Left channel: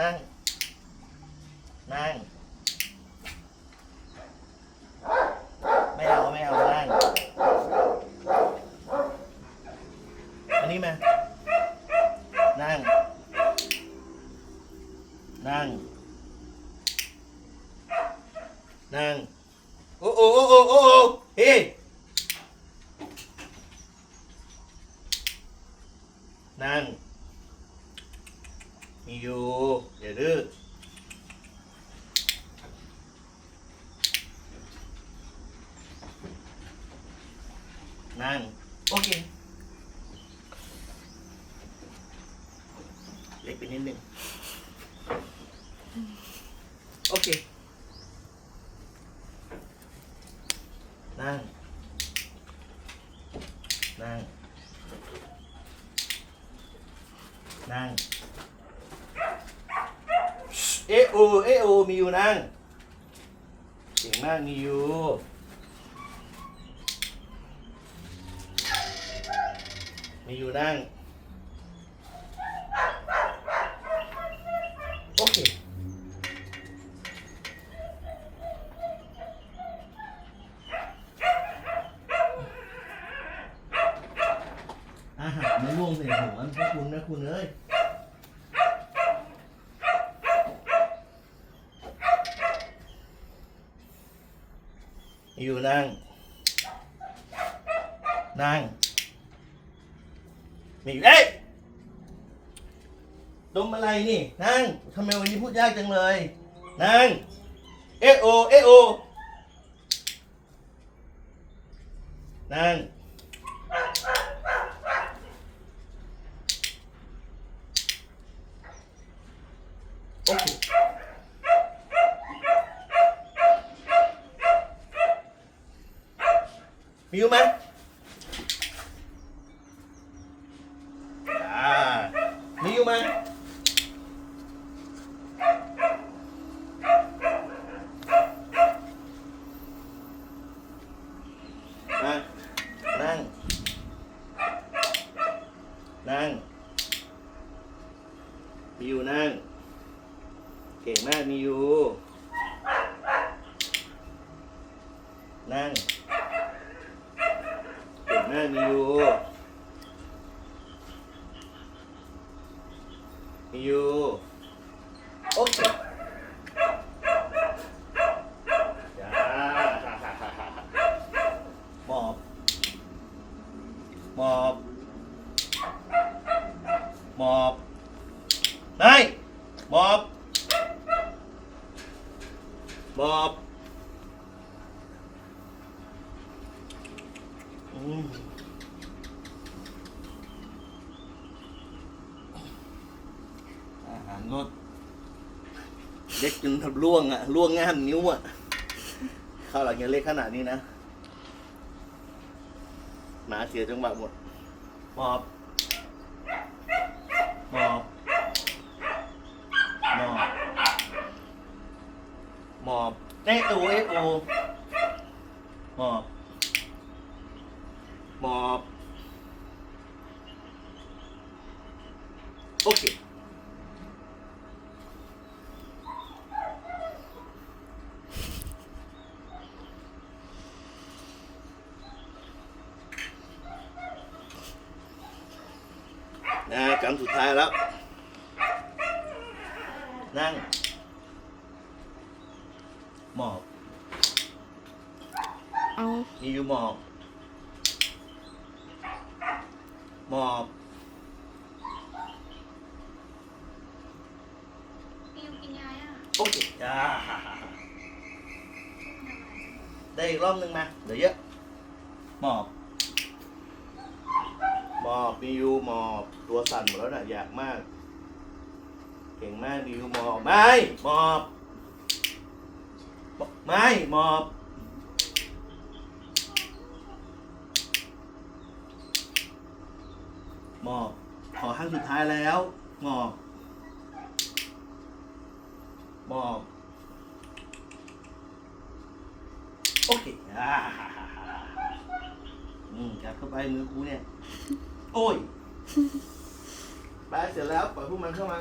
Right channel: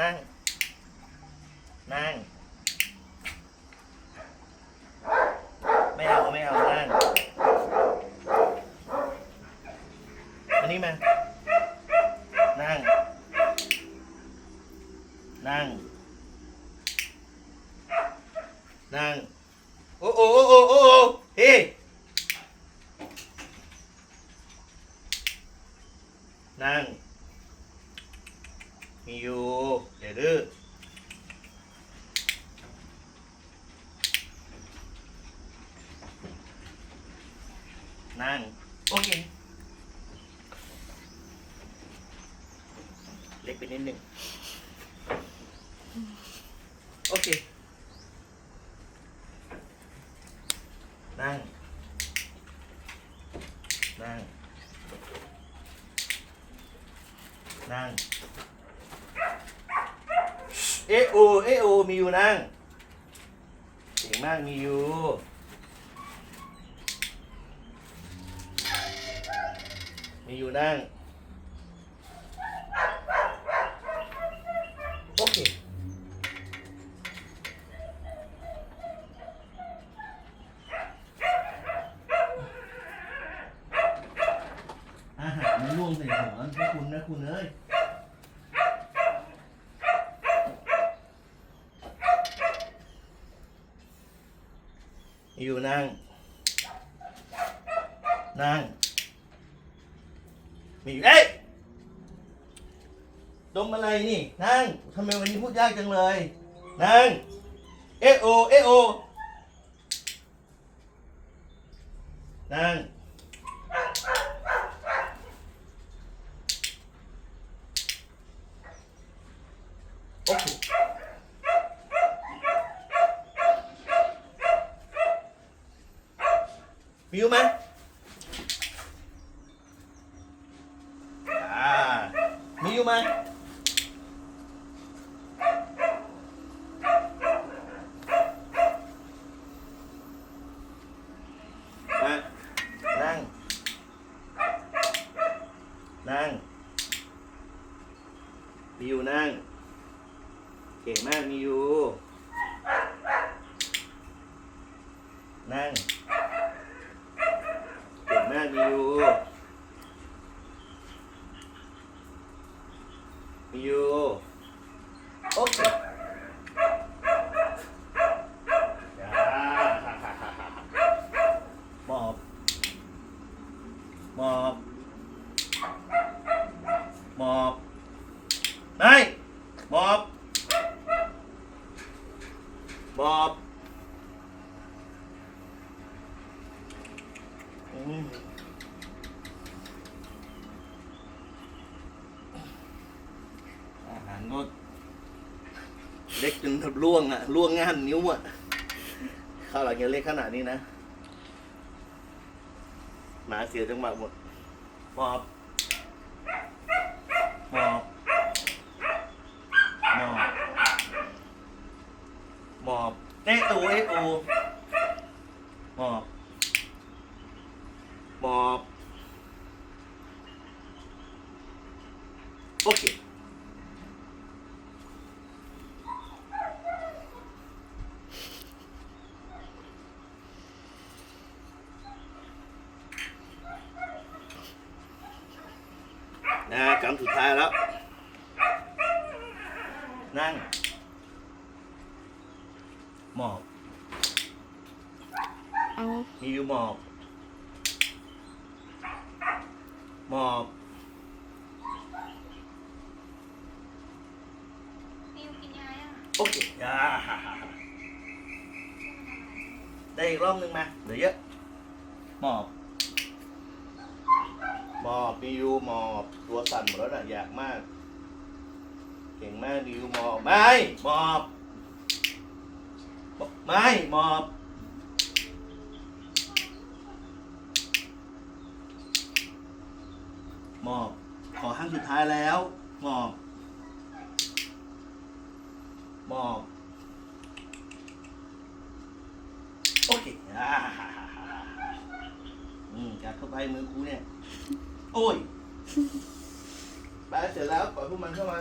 นั่ง นั่ง ไม่เอา ไม่เอา นั่ง อันนี้มา นั่ง นั่ง นั่ง โอ้โอ้โอ้โอ้โอ้โอ้เฮ้นั่ง มีอยู่ อย่าดื้อนั่ง โอเค เล็กไปนิดหนึ่ง โอเค นั่ง นั่ง นั่ง เอโอเอโอมีอยู่นั่งเก่งมากมีอยู่มีอยู่นั่ง โอเคอาหารมันล่วงใส่หัวพวกคุณนะคุณเอ้ย อยู่นั่ง นั่ง นี่เอ้ยดมอะไรนี่ นั่งทำไมวันนี้พูดยากจังเลย นั่ง เอโอ เอโอ นั่ง โอเค มีอยู่ไหมอ่ามีอยู่ไหมมานั่ง นั่งมีอยู่นั่ง เก่งมากมีอยู่นั่ง มากมีอยู่มีอยู่โอเคจ้าหมอบหมอบหมอบได้หมอบหมอบอืมอาหาร ก็เล็กจนทับล่วงอะล่วงง่ามนิ้วอะข้าวหลังยังเล็กขนาดนี้นะหมาเสียจังหวะหมดหมอบหมอบหมอบหมอบเอะโอเอะโอหมอบหมอบโอเค นะคำสุดท้ายแล้ว นั่ง หมอบเอามีอยู่หมอบ หมอบปิวกินยายังโอเคอ่าได้อีกรอบหนึ่งมา เหลือเยอะ หมอบห มอบดียูมอบตัวสั่นหมดแล้วน่ะอยากมาก เก่งมากดียูมอบไม่มอบไม่มอบมอบขอครั้งสุดท้ายแล้วมอบมอบโอเคอ่าัดเข้าไปมือครูเนี่ย โอ้ยไปเสร็จแล้วปล่อยพวกมันเข้ามา